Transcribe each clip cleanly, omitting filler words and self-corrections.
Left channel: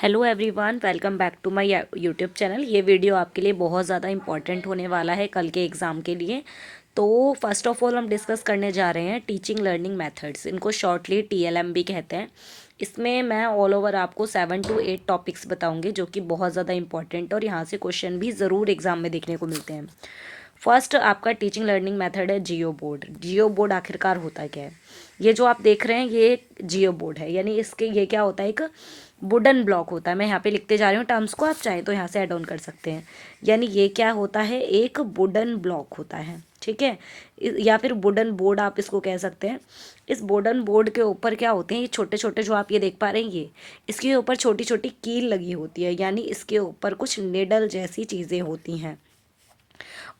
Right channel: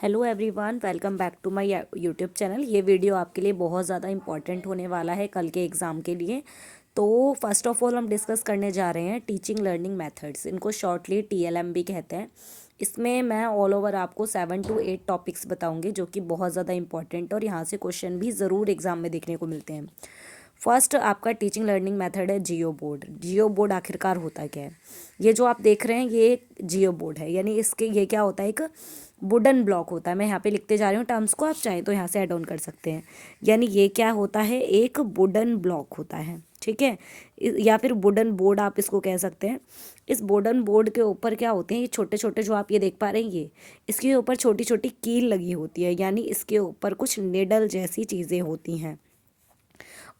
Hello everyone, welcome back to my YouTube channel. ये video आपके लिए बहुत ज़्यादा इंपॉर्टेंट होने वाला है कल के एग्ज़ाम के लिए। तो फर्स्ट ऑफ ऑल हम डिस्कस करने जा रहे हैं टीचिंग लर्निंग मेथड्स। इनको शॉर्टली टीएलएम भी कहते हैं। इसमें मैं ऑल ओवर आपको 7 to 8 टॉपिक्स बताऊंगी जो कि बहुत ज़्यादा इंपॉर्टेंट और यहाँ से क्वेश्चन भी ज़रूर एग्ज़ाम में देखने को मिलते हैं। फर्स्ट आपका टीचिंग लर्निंग मेथड है जियो बोर्ड। जियो बोर्ड आखिरकार होता क्या है? ये जो आप देख रहे हैं ये जियो बोर्ड है, यानी इसके ये क्या होता है, एक वुडन ब्लॉक होता है। मैं यहाँ पे लिखते जा रही हूँ टर्म्स को, आप चाहें तो यहाँ से ऐड ऑन कर सकते हैं। यानी ये क्या होता है, एक वुडन ब्लॉक होता है, ठीक है, या फिर वुडन बोर्ड आप इसको कह सकते हैं। इस वुडन बोर्ड के ऊपर क्या होते हैं, ये छोटे छोटे जो आप ये देख पा रहे हैं, ये इसके ऊपर छोटी छोटी कील लगी होती है, यानी इसके ऊपर कुछ निडल जैसी चीज़ें होती हैं।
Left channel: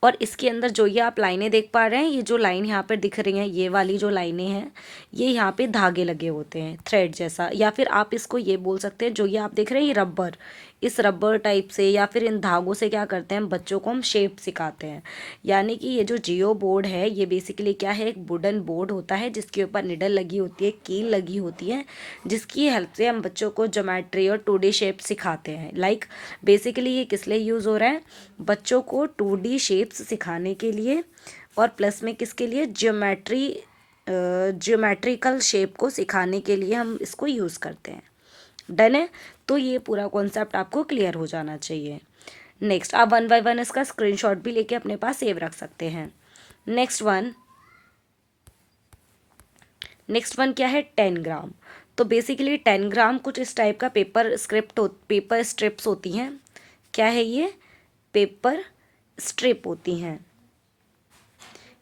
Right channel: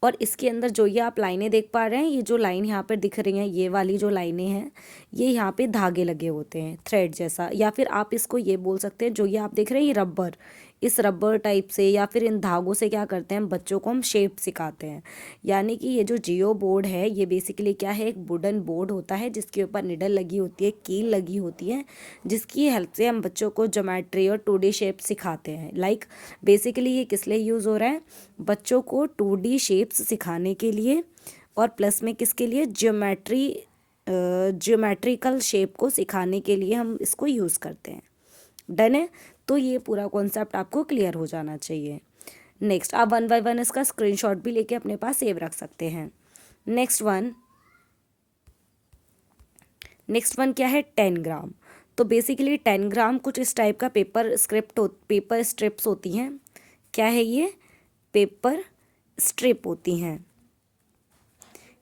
और इसके अंदर जो ये आप लाइनें देख पा रहे हैं, ये जो लाइन यहाँ पर दिख रही हैं, ये वाली जो लाइनें हैं, ये यहाँ पे धागे लगे होते हैं थ्रेड जैसा, या फिर आप इसको ये बोल सकते हैं, जो ये आप देख रहे हैं ये रबर, इस रबर टाइप से या फिर इन धागों से क्या करते हैं, बच्चों को हम शेप सिखाते हैं। यानी कि ये जो जियो बोर्ड है ये बेसिकली क्या है, एक वुडन बोर्ड होता है जिसके ऊपर निडल लगी होती है, कील लगी होती है, जिसकी हेल्प से हम बच्चों को ज्योमेट्री और 2D शेप सिखाते हैं। लाइक बेसिकली ये किस लिए यूज़ हो रहा है, बच्चों को 2D शेप्स सिखाने के लिए, और प्लस में किसके लिए, ज्योमेट्रिकल शेप को सिखाने के लिए हम इसको यूज़ करते हैं। डन है? तो ये पूरा कॉन्सेप्ट आपको क्लियर हो जाना चाहिए। नेक्स्ट आप 1 बाय 1 इसका स्क्रीनशॉट भी लेके अपने पास सेव रख सकते हैं। नेक्स्ट वन क्या है, 10 ग्राम। तो बेसिकली 10 ग्राम कुछ इस टाइप का पेपर स्ट्रिप्स होती हैं। क्या है ये, पेपर स्ट्रिप होती हैं।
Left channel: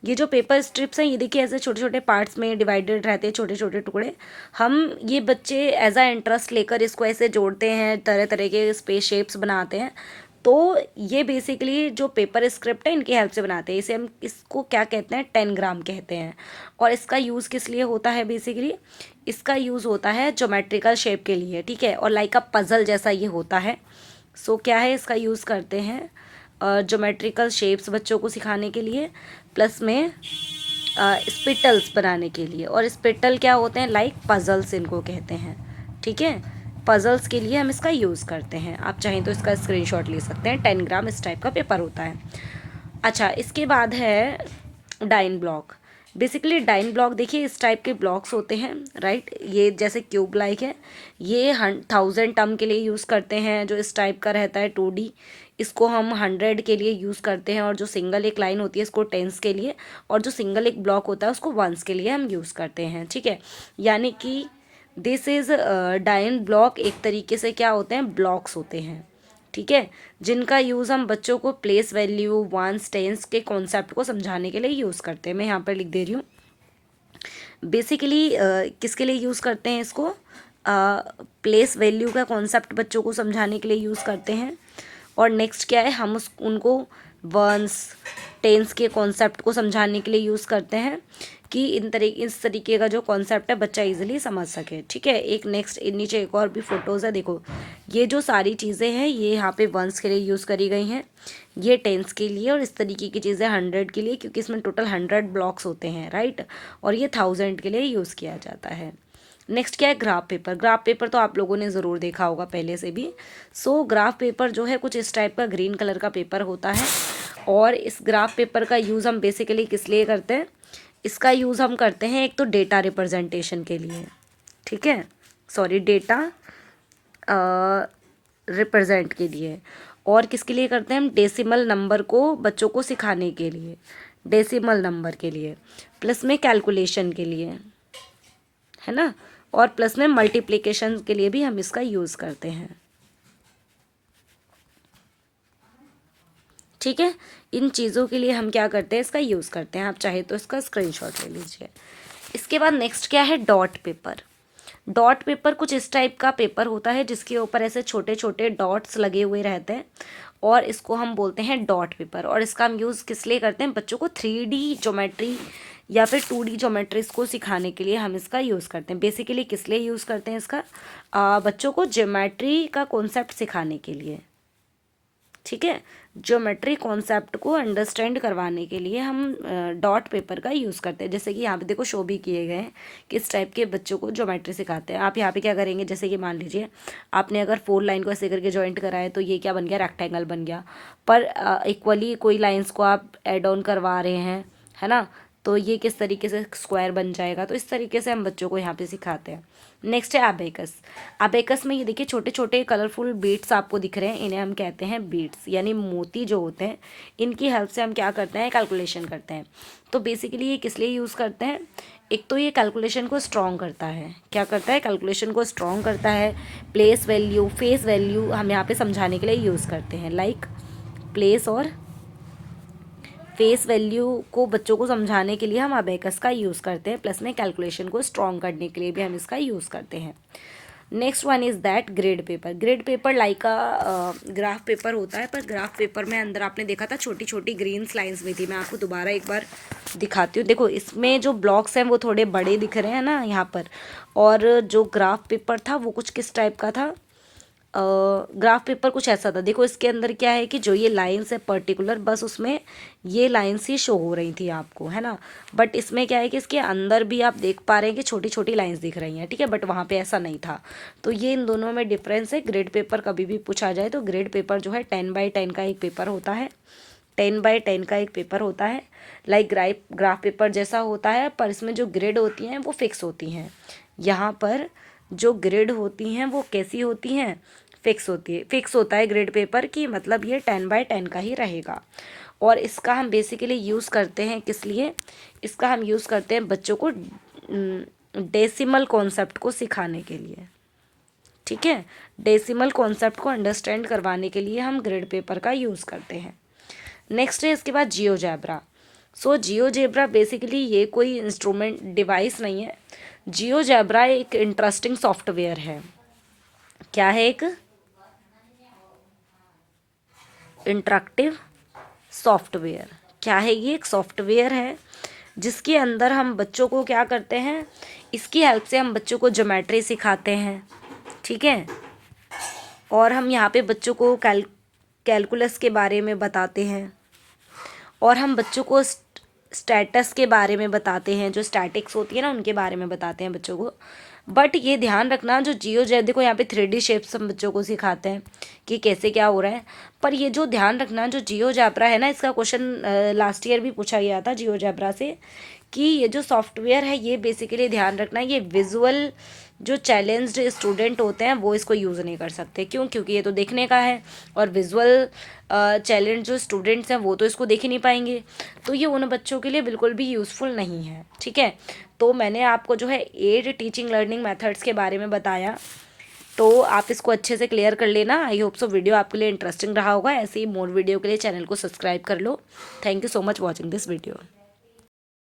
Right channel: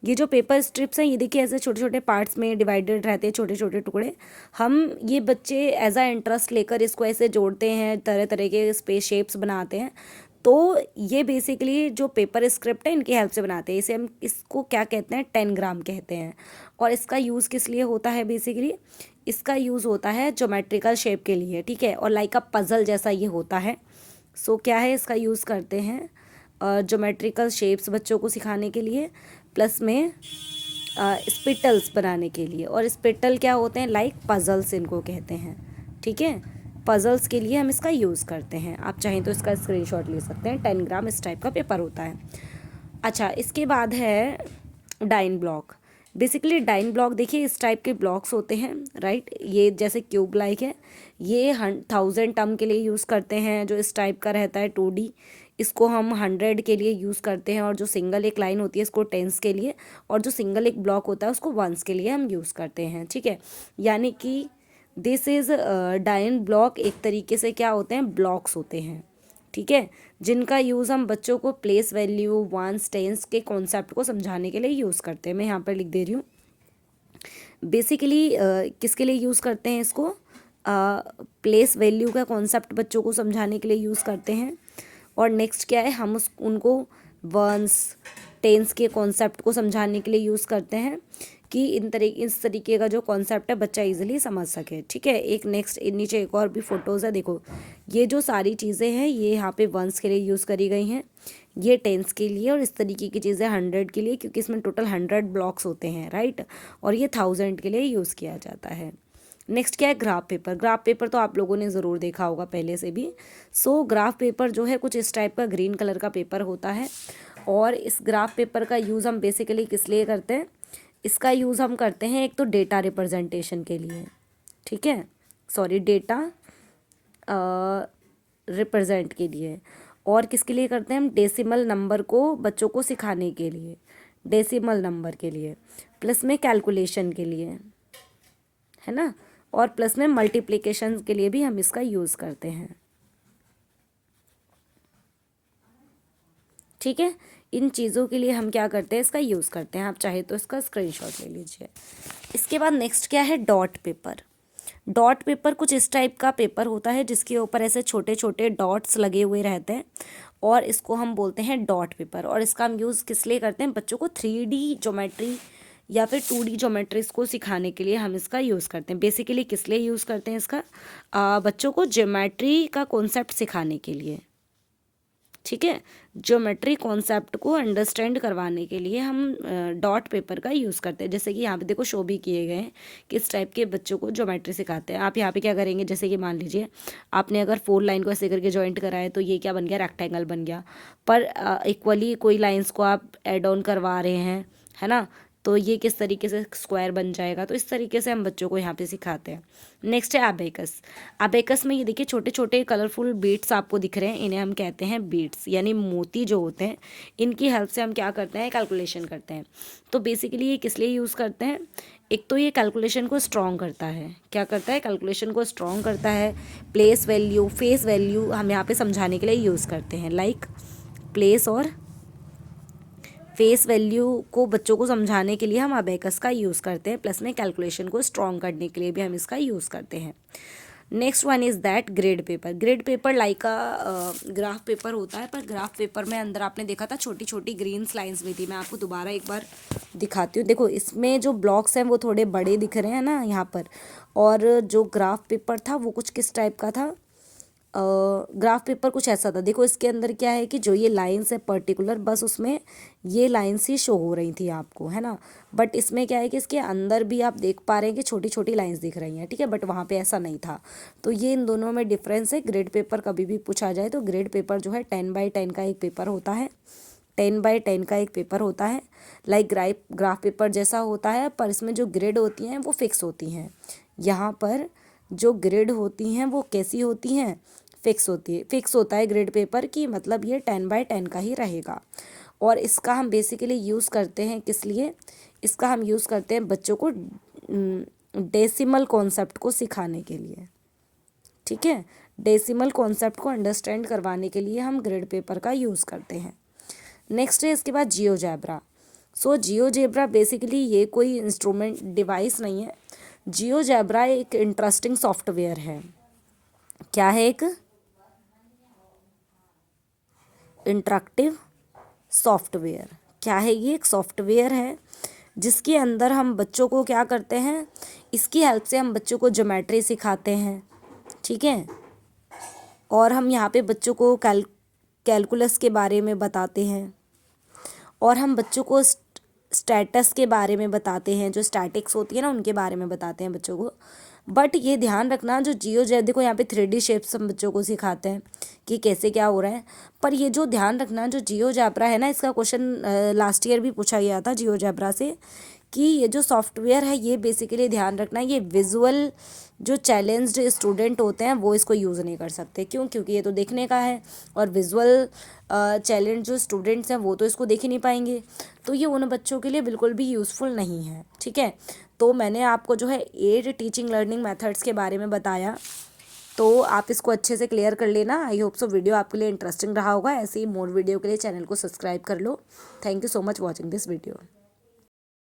ये जो पेपर स्ट्रिप्स हैं ये देखिए ऐसे छोटे छोटे पार्ट्स में डिवाइडेड रहते हैं, छोटे छोटे टुकड़े। हम ये बच्चे एज अ इंटरेस्ट लेकर इसको ऐसे जोड़ते हैं, तरह तरह के स्पेस शेप्स बनाते हैं। तो ये बेसिकली जो पेपर स्क्रिप्ट है इनकी हेल्प से बनाते हैं। इसे हम इसको क्या कहते हैं, 10 ग्राम कहते हैं। और इसका यूज़ किस लिए होता है, बेसिकली इसका यूज़ होता है ज्योमेट्रिकल शेप के लिए, ठीक है, और लाइक अ पजल जैसा ये होता है। सो क्या है, इसका यूज़ करते हैं ज्योमेट्रिकल शेप्स बच्चों को सिखाने के लिए, प्लस में स्पिटल्स बनाने के लिए। और स्पिटल क्या होते हैं, लाइक पजल्स इनको कहते हैं, ठीक है। पजल्स के लिए हम इसका यूज़ करते हैं। आप चाहें तो इसका स्क्रीनशॉट ले सकते हैं। 10 ग्राम इस टाइप का पेपर होता है। अच्छा, इसके बाद है dine block. Basically dine block देखिए इस टाइप के ब्लॉक्स होते हैं, राइट। ये जैसे क्यूब लाइक है, ये 1000 टर्म के लिए यूज़ करते हैं। जो इस टाइप का रहता है 2D, इसको हम 100 के लिए यूज़ करते हैं। और जो सिंगल एक लाइन होती है इसको टेंस के लिए, और जो सिंगल एक ब्लॉक होता है उसको वंस के लिए हम यूज़ करते हैं, ठीक है। यानी कि दिस इज़ डाइन ब्लॉक एक तरीके से क्या होते हैं, ब्लॉक्स होते हैं, ठीक है, जिनका यूज़ हम बच्चों को प्लेस वैल्यू वंस टेंस के कॉन्सेप्ट को समझाने के लिए यूज़ करते हैं। मैं यहाँ पर लिख दे रही हूँ। बेसिकली किसके लिए यूज़ करते हैं इसको, प्लेस वैल्यू का कॉन्सेप्ट बच्चों को समझाने के लिए यूज़ करते हैं। और नेक्स्ट क्या है, हम उनको वंस टेंस के कॉन्सेप्ट को समझाने के लिए यूज़ करते हैं कि इस तरीके का जो कॉन्सेप्ट है बच्चा इजीली समझ सके, ठीक है। एक नेक्स्ट नीचे एक और भी फोटोज़ है, देखो ये जो सारी चीज़ें हैं ये यहाँ पे वंस के लिए यूज़ करी गई हैं, ये टेंस के लिए, और इस तरीके की चीज़ें 100 के लिए, क्योंकि इसमें टोटल 100 ब्लॉक्स होते हैं, राइट। और ये 1000 के लिए यूज़ किया जाता है। नेक्स्ट क्या है, ग्राफ पेपर। ग्राफ पेपर तो आप लोगों ने ज़रूर देखा होगा पहले से भी। सो ग्राफ पेपर जो है कुछ इस टाइप का ग्रीन कलर का पेपर होता है। और इस ग्राफ पेपर का यूज़ हम बेसिकली किस लिए करते हैं, इसका यूज़ हम करते हैं एक तो डेटा रिप्रेजेंटेशन के लिए, ठीक है, सॉरी डेटा रिप्रेजेंट के लिए। और किसके लिए करते हैं हम, डेसिमल नंबर को बच्चों को सिखाने के लिए, डेसिमल नंबर के लिए, प्लस में कैलकुलेशन के लिए, है ना, और प्लस में मल्टीप्लिकेशन के लिए भी हम इसका यूज़ करते हैं, ठीक है। इन चीज़ों के लिए हम क्या करते हैं, इसका यूज़ करते हैं। आप चाहे तो इसका स्क्रीनशॉट ले लीजिए। इसके बाद नेक्स्ट क्या है, डॉट पेपर। डॉट पेपर कुछ इस टाइप का पेपर होता है जिसके ऊपर ऐसे छोटे छोटे डॉट्स लगे हुए रहते हैं, और इसको हम बोलते हैं डॉट पेपर। और इसका हम यूज़ किस लिए करते हैं, बच्चों को 3D ज्योमेट्री या फिर 2D ज्योमेट्रीज को सिखाने के लिए हम इसका यूज़ करते हैं। बेसिकली किस लिए यूज़ करते हैं इसका, बच्चों को ज्योमेट्री का कॉन्सेप्ट सिखाने के लिए, ठीक है। ज्योमेट्री कॉन्सेप्ट को अंडरस्टैंड करवाने के लिए हम डॉट पेपर का यूज़ करते हैं। जैसे कि यहाँ पे देखो शो भी किए गए हैं किस टाइप के बच्चों को ज्योमेट्री सिखाते हैं। आप यहाँ पे क्या करेंगे, जैसे कि मान लीजिए आपने अगर 4 लाइन को ऐसे करके जॉइंट करा है तो ये क्या बन गया, रेक्टेंगल बन गया। पर इक्वली कोई लाइन्स को आप एड ऑन करवा रहे हैं, है ना, तो ये किस तरीके से स्क्वायर बन जाएगा। तो इस तरीके से हम बच्चों को यहाँ पे सिखाते हैं। नेक्स्ट है अबेकस। अबेकस में ये देखिए छोटे छोटे कलरफुल बीट्स आपको दिख रहे हैं, इन्हें हम कहते हैं बीट्स, यानी मोती जो होते हैं, इनकी हेल्प से हम क्या करते हैं, कैलकुलेशन करते हैं। तो बेसिकली ये किस लिए यूज़ करते हैं, एक तो ये कैलकुलेशन को स्ट्रॉन्ग करता है। क्या करता है, कैलकुलेशन को स्ट्रॉन्ग करता है। प्लेस वैल्यू, फेस वैल्यू हम यहाँ पे समझाने के लिए यूज़ करते हैं। लाइक प्लेस और फेस वैल्यू को बच्चों को समझाने के लिए हम अबेकस का यूज़ करते हैं, प्लस में कैलकुलेशन को स्ट्रॉन्ग करने के लिए भी हम इसका यूज़ करते हैं। Next one is that grade paper. Grade paper like graph paper होता है, पर ग्राफ पेपर में अंदर आपने देखा था छोटी छोटी ग्रीन लाइंस में थी। मैं आपको दोबारा एक बार दिखाती हूँ। देखो इसमें जो ब्लॉक्स हैं वो थोड़े बड़े दिख रहे हैं ना यहाँ पर, और जो ग्राफ पेपर था वो कुछ किस टाइप का था, ग्राफ पेपर कुछ ऐसा था। देखो इसके अंदर क्या है कि जो ये लाइंस है पर्टिकुलर, बस उसमें ये लाइंस ही शो हो रही थी आपको, है ना। बट इसमें क्या है कि इसके अंदर भी आप देख पा रहे हैं कि छोटी छोटी लाइंस दिख रही हैं, ठीक है, बट वहाँ पे ऐसा नहीं था। तो ये इन दोनों में डिफरेंस है। ग्रेड पेपर कभी भी पूछा जाए तो ग्रेड पेपर जो है 10x10 का एक पेपर होता है, 10x10 का एक पेपर होता है। लाइक ग्राफ पेपर जैसा होता है, पर इसमें जो ग्रेड होती हैं वो फिक्स होती हैं। यहाँ पर जो ग्रेड होती हैं वो कैसी होती हैं, फिक्स होती है। फिक्स होता है ग्रेड पेपर की, मतलब ये 10x10 का ही रहेगा। और इसका हम बेसिकली यूज़ करते हैं किस लिए, इसका हम यूज़ करते हैं बच्चों को डेसिमल कॉन्सेप्ट को सिखाने के लिए, ठीक है। डेसिमल कॉन्सेप्ट को अंडरस्टैंड करवाने के लिए हम ग्रेड पेपर का यूज़ करते हैं। नेक्स्ट है इसके बाद जियोजेब्रा। सो जियोजेब्रा बेसिकली ये कोई इंस्ट्रूमेंट डिवाइस नहीं है। जियोजेब्रा एक इंटरेस्टिंग सॉफ्टवेयर है। क्या है, एक इंटरेक्टिव सॉफ्टवेयर। क्या है ये, एक सॉफ्टवेयर है जिसके अंदर हम बच्चों को क्या करते हैं, इसकी हेल्प से हम बच्चों को ज्योमेट्री सिखाते हैं, ठीक है। और हम यहाँ पे बच्चों को कैलकुलस के बारे में बताते हैं, और हम बच्चों को स्टैटस के बारे में बताते हैं, जो स्टैटिक्स होती है ना उनके बारे में बताते हैं बच्चों को। बट ये ध्यान रखना, जो जियोजेब्रा देखो यहाँ पे 3D शेप्स हम बच्चों को सिखाते हैं कि कैसे क्या हो रहा है। पर ये जो ध्यान रखना, जो जियोजेब्रा है ना, इसका क्वेश्चन लास्ट ईयर भी पूछा गया था जियोजेब्रा से, कि ये जो सॉफ्टवेयर है ये बेसिकली ध्यान रखना, ये विजुअल जो चैलेंज्ड स्टूडेंट होते हैं वो इसको यूज़ नहीं कर सकते। क्यों, क्योंकि ये तो देखने का है, और विजुअल चैलेंज जो स्टूडेंट्स हैं वो तो इसको देख ही नहीं पाएंगे। तो ये उन बच्चों के लिए बिल्कुल भी यूज़फुल नहीं है, ठीक है। तो मैंने आपको जो है 8 टीचिंग लर्निंग मेथड्स के बारे में बताया, तो आप इसको अच्छे से क्लियर कर लेना। आई होप सो वीडियो आपके लिए इंटरेस्टिंग रहा होगा। ऐसे ही मोर वीडियो के लिए चैनल को सब्सक्राइब कर लो। Thank you so much watching this video.